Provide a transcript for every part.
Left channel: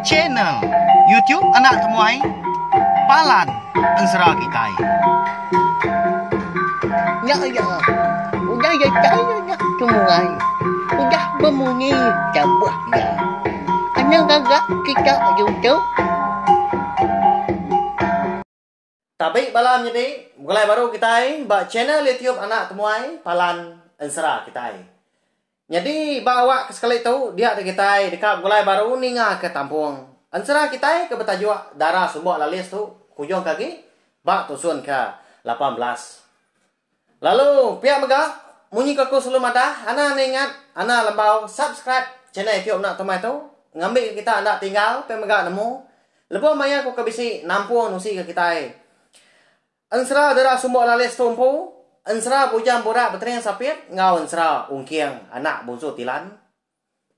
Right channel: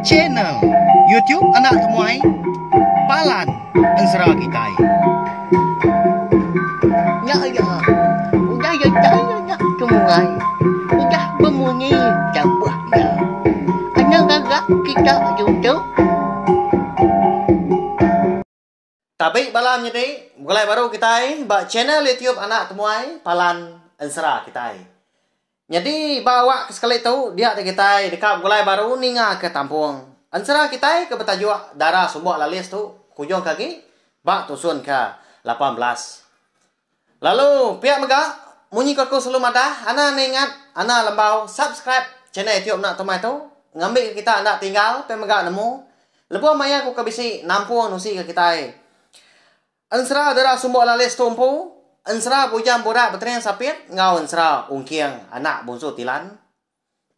Channel YouTube Anak Temuai Palan Ensera Kitai. Ya, udah ya Temuai. Udah berbunyi cabutnya. Hanya gagak kita YouTube. Tapi balam jadi mulai baru kita ba channel YouTube Anak Temuai Palan Ensera Kitai. Jadi bawa sekali tahu dia ada kita dekat mulai baru ninga ke Tampung. Ensera kita ke betajuk darah sumbok lalis tu kujung kaki ba tusun ke 18. Lalu pihak mega munyi kaku sebelum ada ana ingat ana lembau subscribe channel YouTube Anak Temuai tu ngambil kita anda tinggal pe mega nemu lebu maya ku kabisi nampung nusi ke kita. Ensera darah sumbok lalis tumpu. Ensera bujang borak berterian sapit ngau ensera ungkiang anak bungsu tilan.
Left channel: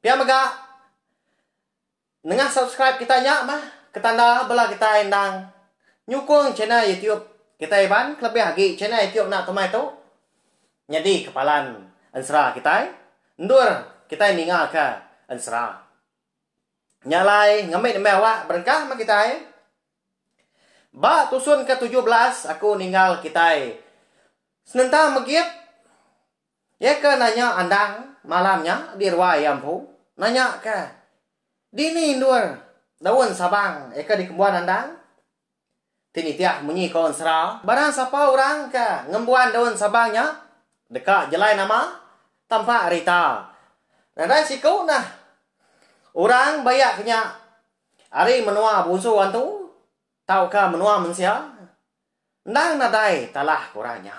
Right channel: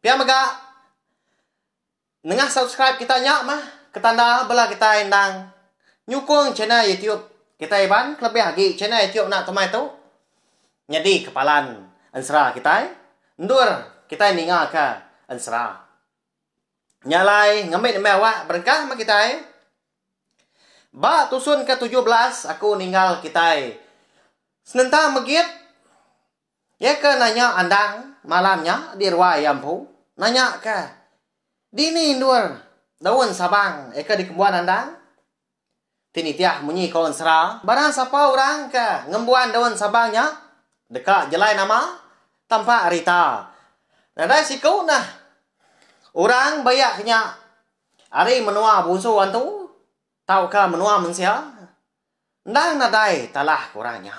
Pihak mega nengah subscribe kita nyak mah ketanda belah kita endang nyukung channel YouTube kita iban lebih lagi channel YouTube Anak Temuai tu. Jadi kepalan ensera kita ndur kita ninga ke ensera. Nyalai ngambil mewah berkah mah kita. Ba tusun ke 17 aku ninggal kita. Senentang megit. Ya ke nanya andang malamnya di ruang Yampu. Nanya ke. Dini ndur daun sabang eka di kembuan andang. Tini tiah munyi kawan sera. Barang siapa orang ke ngembuan daun sabangnya. Dekat jelai nama tampak Rita. Nada siku nah. Orang bayaknya. Ari menua busuan tu. Tahukah menua manusia? Ndang nadai talah kurangnya.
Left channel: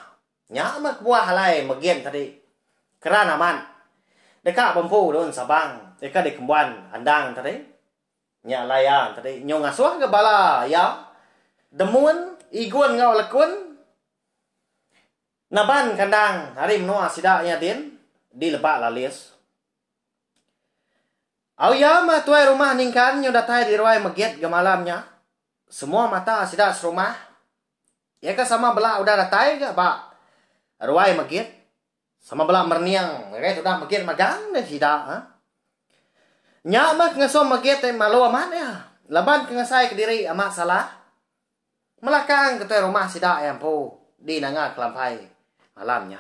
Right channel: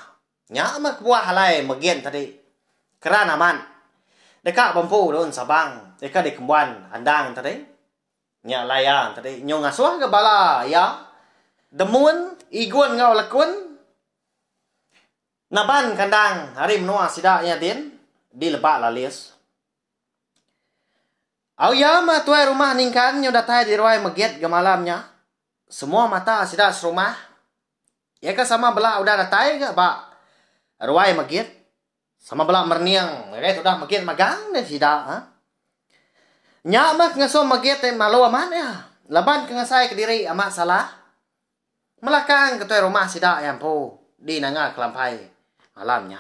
Nyamak buah halai magian tadi. Kerana man. Dekat bampu daun sabang. Dekat di kembuan andang tadi. Nya layan tadi. Nyong asuh ke bala ya. Demun. Igun ngau lekun. Naban kandang. Hari menua sidaknya din. Di lebak lalis. Au ya ma tuai rumah ningkan. Nyong datai di ruai magiat ke malamnya. Semua mata sidak serumah. Ya kan sama belah udah datai ke ba. Ruai magit. Sama belah merniang. Ya sudah magit magang dan sidak. Ha? Nyak mah ngasom magit malu aman ya. Laban kengasai ke diri amat salah. Melakang ke tuai rumah sidak yang po. Di nangak kelampai malamnya.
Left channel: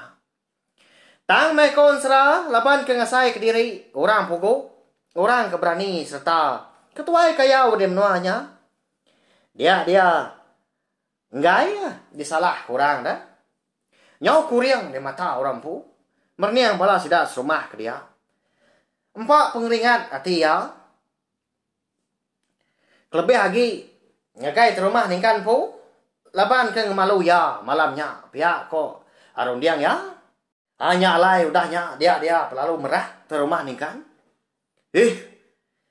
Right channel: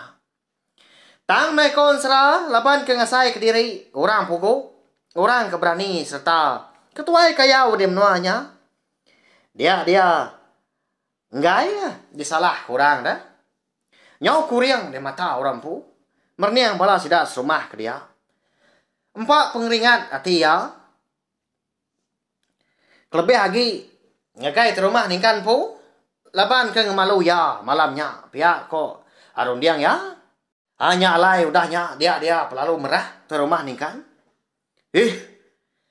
Tang mai kon sera. Laban kengasai ke diri. Orang pugu. Orang keberani serta. Ketuai kaya udah menuanya. Dia enggak ya disalah kurang dah. Nyau kuriang di mata orang pu. Merniang bala sidak serumah ke dia. Empat pengeringat hati ya. Kelebih lagi ngagai terumah ningkan pu. Laban ke ngemalu ya malamnya. Pihak kok arun diang ya. Hanya alai udahnya dia pelalu merah terumah ningkan.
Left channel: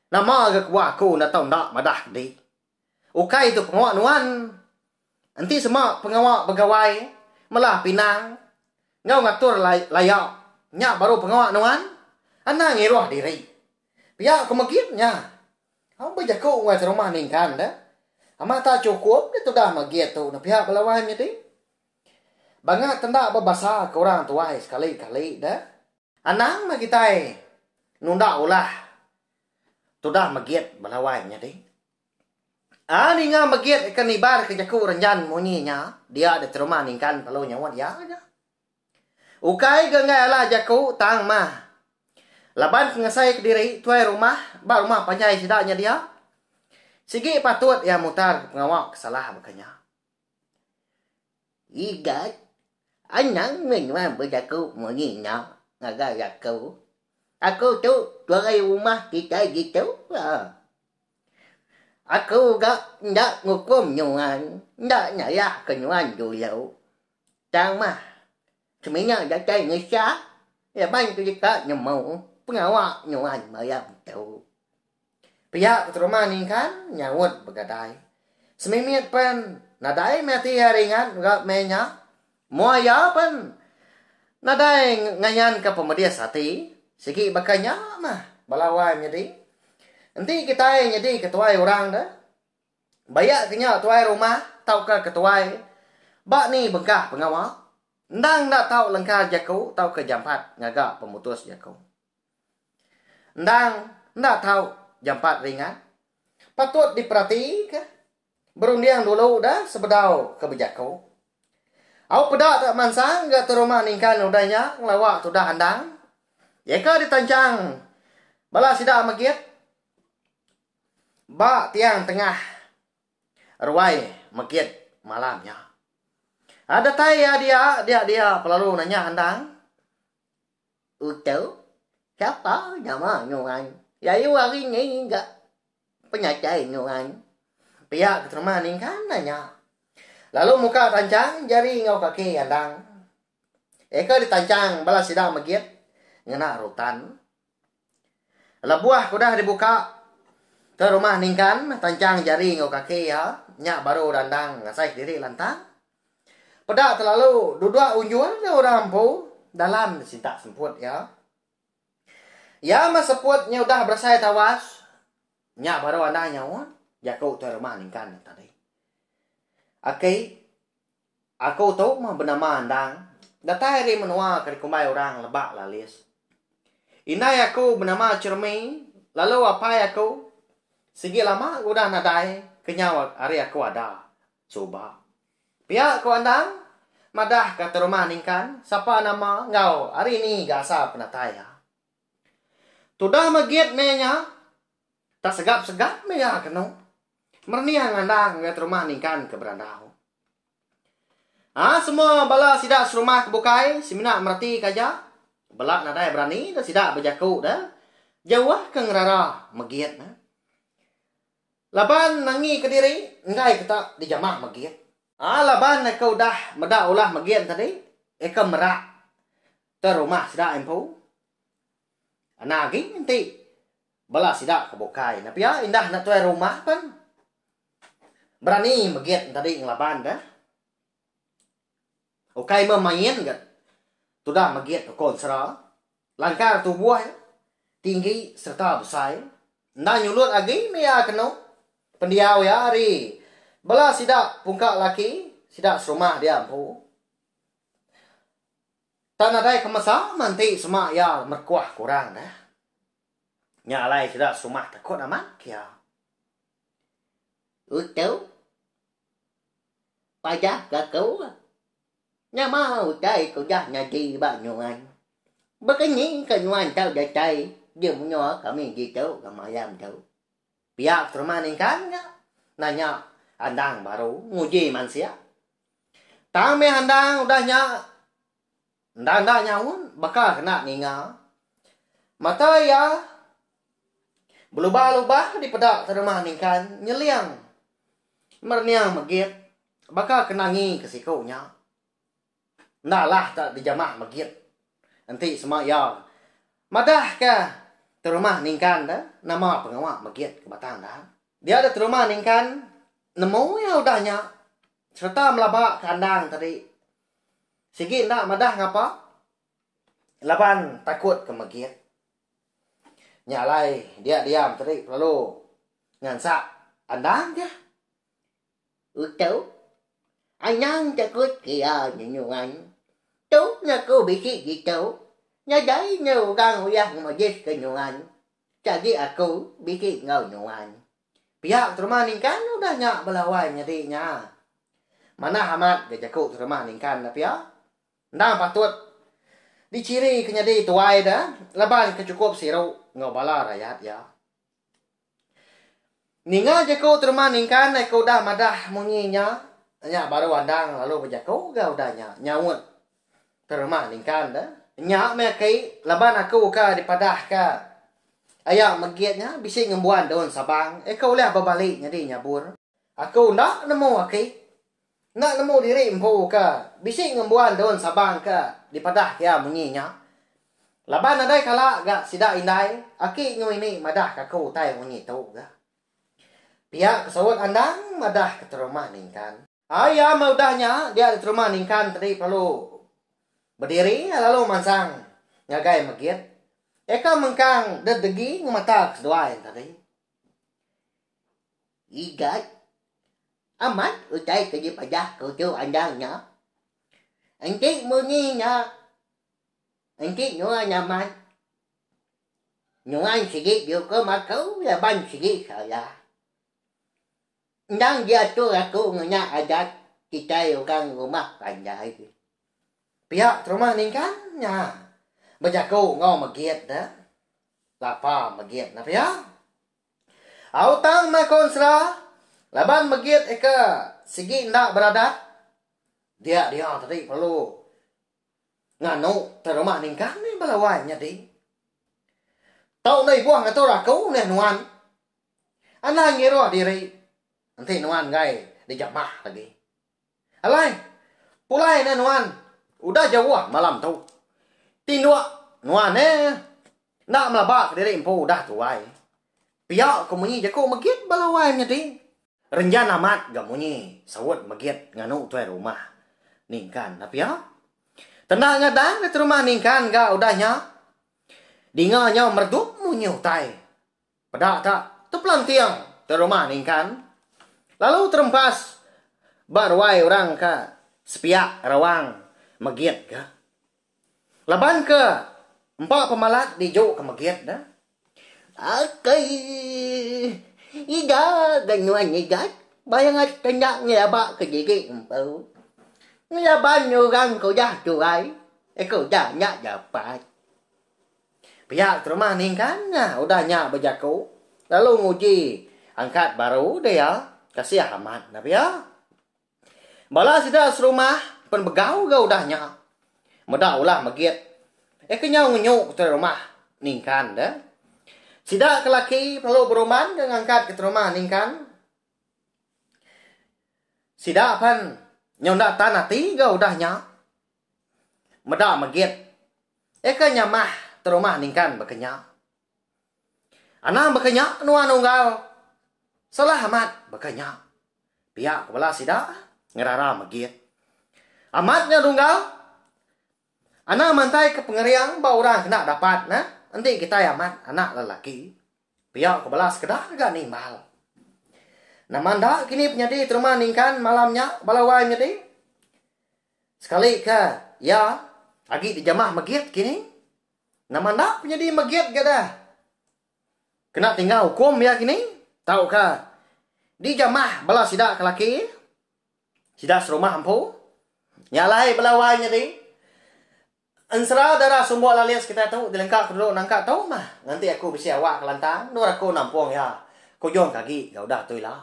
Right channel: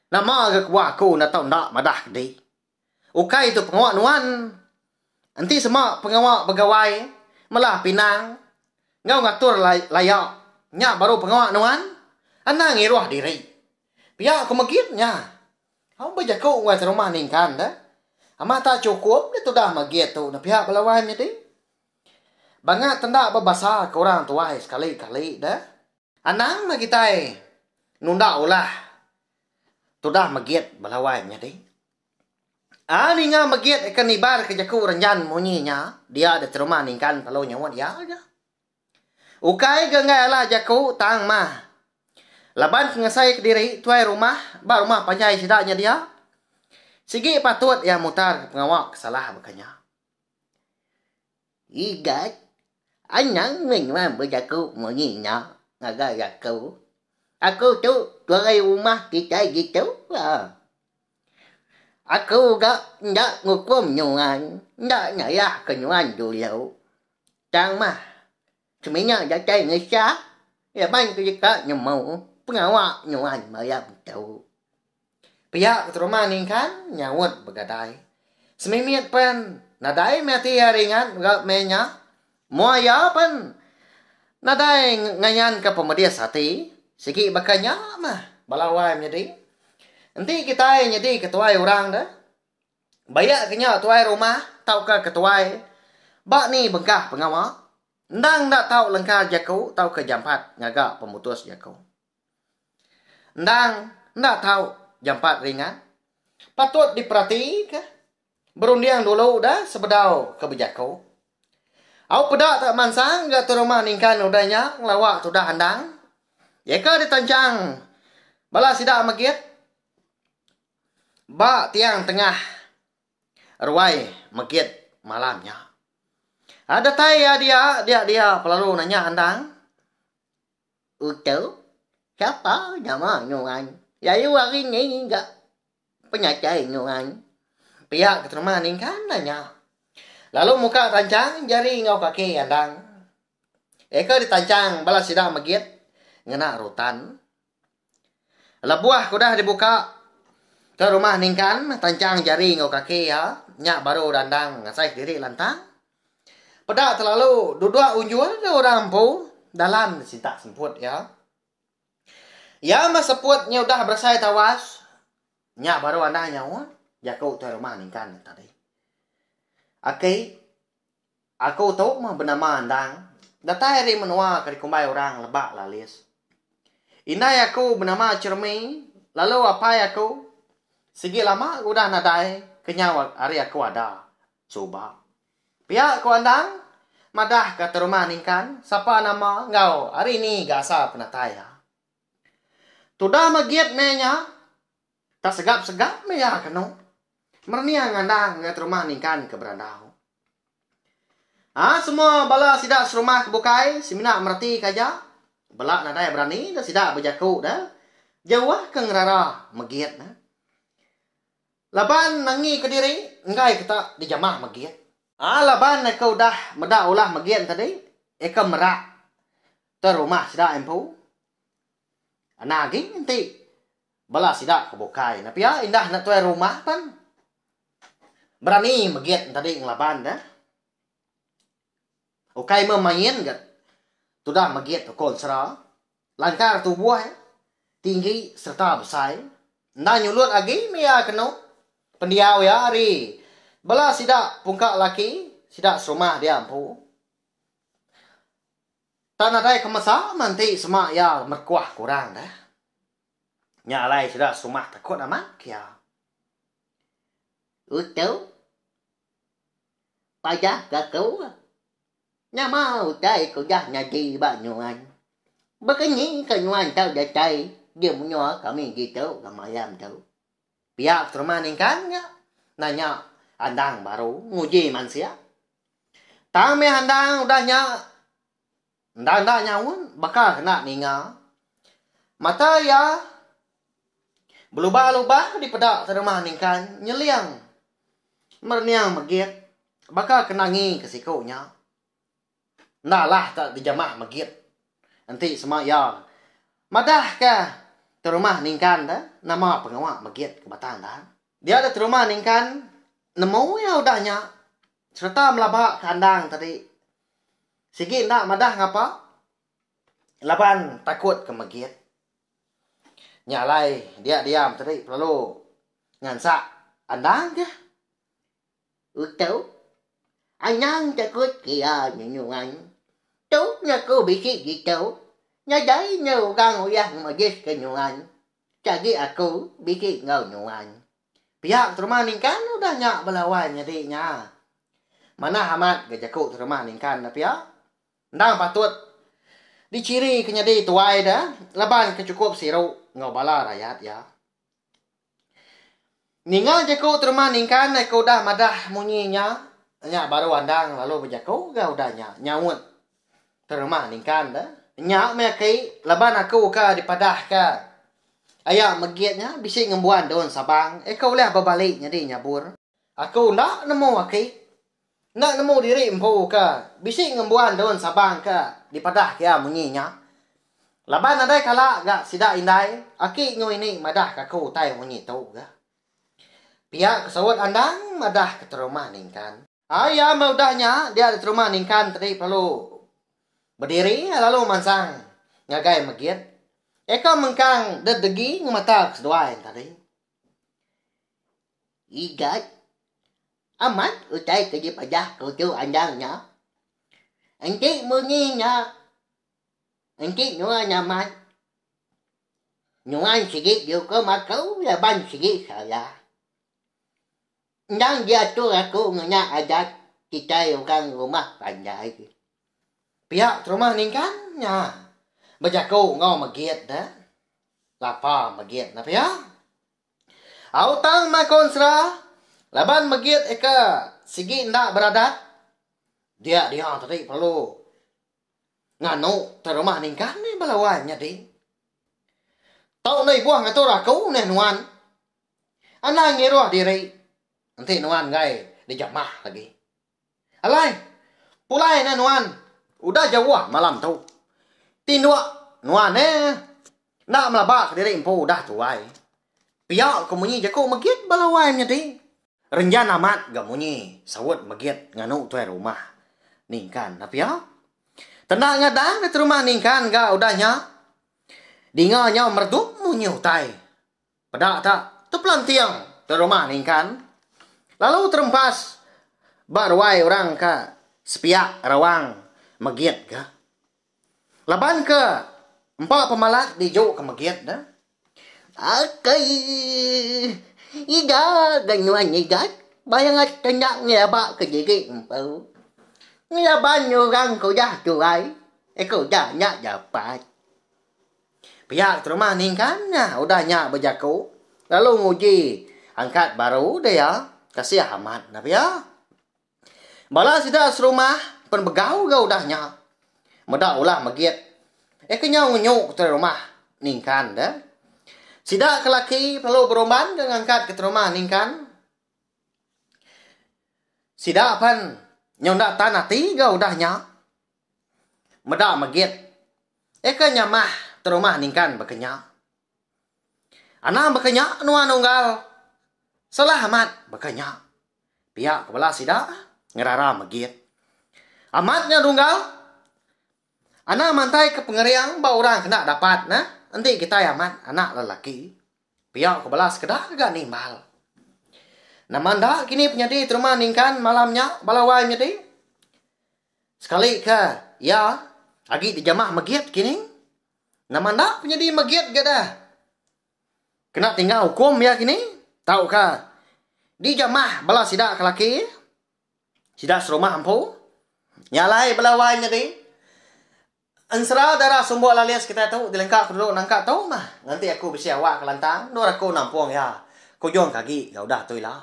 Nama ke kuah aku na tahu nak madah di. Ukai itu pengawak nuan. Nanti semua pengawak pegawai. Malah pinang. Ngau ngatur layak. Nyak baru pengawak nuan. Anang ngiruah diri. Pihak kemagitnya. Kau berjaku ngai rumah ningkan dah. Amat tak cukup. Itu dah magit tu. Pihak pelawainya di. Bangat tendak berbahasa ke orang tuai sekali-kali dah. Anang magitai. Nunda ulah. Tu dah magit belawainya di. Ani nga magit ikan ibar ke jaku renjan munyinya. Dia ada terumah ningkan kalau nyawat ya aja. Ukai genggai ala jaku tang mah. Laban kengasai ke diri tuai rumah. Ba rumah panjai sidaknya dia. Sigi patut yang mutar pengawak salah makanya. Igat. Anyang mình mà berjaku munyinya. Ngaga jaku. Aku tu tuai rumah kita gitu. Aku gak ngukum nyuan. Gak nyayak ke nyuan dulu. Tang mah. Sebenarnya dah cai ngesah. Ya bang tu jika nyemau. Pengawak nyuan mayam tu. Pihak keterumah ningkan. Nyawut begadai. Semimiat pan. Nadai mati haringan. Gak menya. Muaya pan. Nadai ngayan ke pemedia sati. Segi bakanya mah. Balawai menjadi. Nanti kita jadi ketuai orang dah. Bayak kenya tuai rumah. Tau ke ketuai. Bak ni bengkah pengawak. Ndang nak tahu lengkar jaku. Tau ke jam 4. Ngagak pemutus jaku. Ndang ndak tahu jam 4 ringan. Patut diperhatikan. Berundiang dulu dah sebedau kebijakau. Au pedak tak mansang gak terumah ningkan udahnya lawak sudah handang. Yaka ditancang. Bala sidak magit. Ba tiang tengah. Ruai magit malamnya. Ada taya dia pelalu nanya handang. Utuh, siapa nama nyungan? Ya yu hari ni enggak penyacai nyungan. Pihak keterima ningkan nanya. Lalu muka tancang jari ngau kaki handang. Eka ditancang bala sidak magit. Ngena rutan. Lebuah kudah dibuka. Ke rumah ningkan tancang jari ngau kaki ya. Nyak baru dandang ngasai diri lantang. Pedak terlalu duduk unjul orang pu. Dalam cinta semput ya. Ya mas seputnya udah bersai tawas. Nyak baru anda nyawa. Ya kau tu rumah ningkan tadi. Aku tahu mah bernama andang. Datang hari menua ke kumbai orang lebak lalis. Inai aku bernama cermin. Lalu apa aku? Segi lama udah nadai. Kenyawa hari aku ada. Coba. Pihak aku andang. Madah kata rumah ningkan, siapa nama ngau hari ni gasa penataya. Tudah magiat menya, tak segap meya kenu. Merniang andang ngat rumah ningkan ke berandau. Semua bala sidak serumah kebukai, simina merti kaja. Belak nadai berani, dah sidak berjaku dah. Jauh ke ngerara magiat na. Laban nangi ke diri, ngai kita dijamah magiat. Laban kau dah medak ulah magian tadi. Eka merak. Terumah sidak empu. Anagi nanti. Bala sidak kebukai. Tapi ya indah nak tuai rumah kan. Berani magian tadi ngelaban dah. Ukai memain gat. Tudah magian kol serah. Langkar tubuh tinggi serta besar. Nda nyulut lagi mea kenu. Pendiau ya hari. Bala sidak pungkak laki, sidak serumah dia ampu. Tak nadai kemasa, nanti semak ya merkuah kurang dah. Nyalai sidak serumah takut amat kia. Utuh, pajak kau. Nama utai kau dah nadi banyuan. Begini kenyuan tau datai, dia menyoak kami gitu, kamayam tau. Pihak serumah ningkan ya, nanya. Handang baru nguji manusia. Tang me handang udahnya. Ndang nyaun bakal kena ninga. Mata ya berubah-ubah di pedak terumah ningkan nyeliang. Merniang megit bakal kenangi ke sikunya. Nalah tak dijamah megit. Nanti semua ya. Madah ke terumah ningkan dah nama pengawak megit ke batang dah. Dia ada terumah ningkan nemu ya udahnya. Serta melabak kandang tadi. Sigi nak madah ngapa? Laban takut ke megit. Nyalai dia diam tadi. Lalu ngansak andang je. Utuh, anyang takut kia nyunyungan. Tuh aku bikin gitu. Nyadai nyo kang uyah magis kenyungan. Jadi aku bikin ngau nyungan. Pihak terumah ningkan udah nyak belawan nyadinya. Mana amat gajakuk terumah ningkan tapi ya. Ndang patut diciri kenyadi tuai dah. Laban kecukup siru ngobala rakyat ya. Ninga jakuk terumah ningkan aku dah madah munyinya. Nyak baru andang lalu berjakuk gak udah nyawut terumah ningkan dah. Nyak mekai laban aku ka dipadah ka. Ayak megiatnya bisa ngembuan daun sabang. Kau boleh berbalik jadi nyabur. Aku nak nemu aki. Nak nemu diri empu ka. Bisa ngembuan daun sabang ka. Dipadah kia munyinya. Laban ada kala gak sidak indai. Aki ngwini madah kaku tay munyi tau ga. Pihak kesawat andang madah ke terumah ningkan. Ayah maudahnya dia di terumah ningkan tadi perlu berdiri lalu mansang. Ngagai megiat. Eka mengkang dedegi ngematak seduain tadi. Igat. Amat utai kerja pajak kutu andangnya. Engkik munyinya. Engkik nua nyaman. Nyungan sige juga makau laban sige saya. Nang jatuh aku ngenya adat kita orang rumah pandai. Pihak rumah ningkan nya. Bajako ngau magiat dah. Lapa magiat na pihak. Autang makonsra laban magiat eka sige ndak beradat. Dia tadi perlu nganu terumah ningkan ni balawanya di. Tau nay buang atau rakau nih nuan. Anak ngero diri. Nanti nuan gai dijamah lagi. Alai, pulai na nuan. Udah jauh malam tu. Tinua nuan nak melabak diri empu udah tuai. Pihak kemunyi jako magit balawanya di. Renjan amat gamunyi sawut magit nganu tuai rumah. Ningkan tapi ya. Tenang ngadang ke rumah ningkan ga udahnya. Dinganya merdu munyu tai. Pada tak teplan tiang ke rumah ningkan. Lalu terempas barwai orang ka sepiak rawang magiat ka. Laban ke empat pemalak dijuk ke magiat dah. Akai ida ganuan idat bayangat tenyak ngabak ke diri empau. Ngaban orang kau dah tuai. Kau dah nyak dapat. Pihak rumah ningkannya udahnya berjaku. Lalu nguji angkat baru dia kasih amat. Nah ya. Bala sudah serumah pen begau ga udahnya. Mudah ulah magiat. Kenyau ngunyuk ke rumah ningkan dah. Sida kelaki perlu beroman ke angkat ke rumah ningkan. Sida pan nyondak tanah tiga udahnya. Mudah magiat. Kenyamah terumah ningkan berkenyak. Anak berkenyak nuan unggal. Salah amat berkenyak. Pihak kepala sida ngerara magiat. Amatnya dunggal. Anak mantai ke pengeriang bau orang kena dapat nah. Nanti kita amat anak lelaki. Pihak kepala sekedar gak nimbal. Nah manda kini penyedi terumah ningkan malamnya balawai penyedi. Sekali ke ya agi dijamah magiat kini. Nama nak penyedi magiat gak dah. Kena tinggal hukum ya kini. Tahu kah? Di jamah bala sidak kelaki. Sidak serumah empu. Nyalai belawai nyedi. Ensera darah sumbuh lalias kita tu. Dilengkap dulu nangkat tahu mah. Nanti aku besi awak ke lantang. Nur aku nampung ya. Kujong kaki. Ya udah tu lah.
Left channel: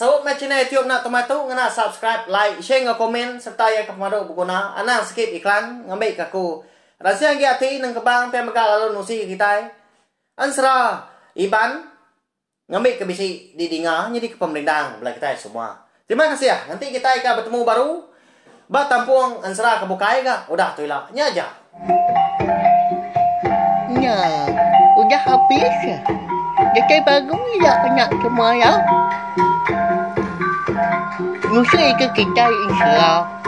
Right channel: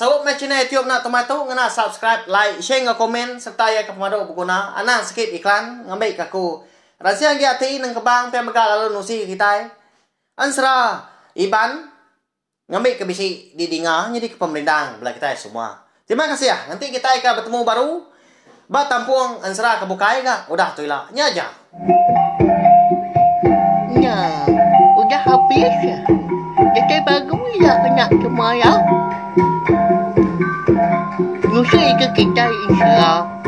Sahabat macam ni YouTube nak tomato. Ngena subscribe, like, share, komen. Serta ya ke pemadu berguna. Anak sikit iklan. Ngambil ke aku. Rasa yang hati nang kebang pemagal lalu nusi kita. Ansra Iban ngambil ke bisi di dinga jadi ke pemerintah belah kita semua. Terima kasih ya. Nanti kita akan bertemu baru. Ba tampung ansra kebukai enggak? Udah tu lah. Nya aja. Ya, udah habis ya. Jadi bagus ya kena semua ya. Nusi ke kita insya Allah.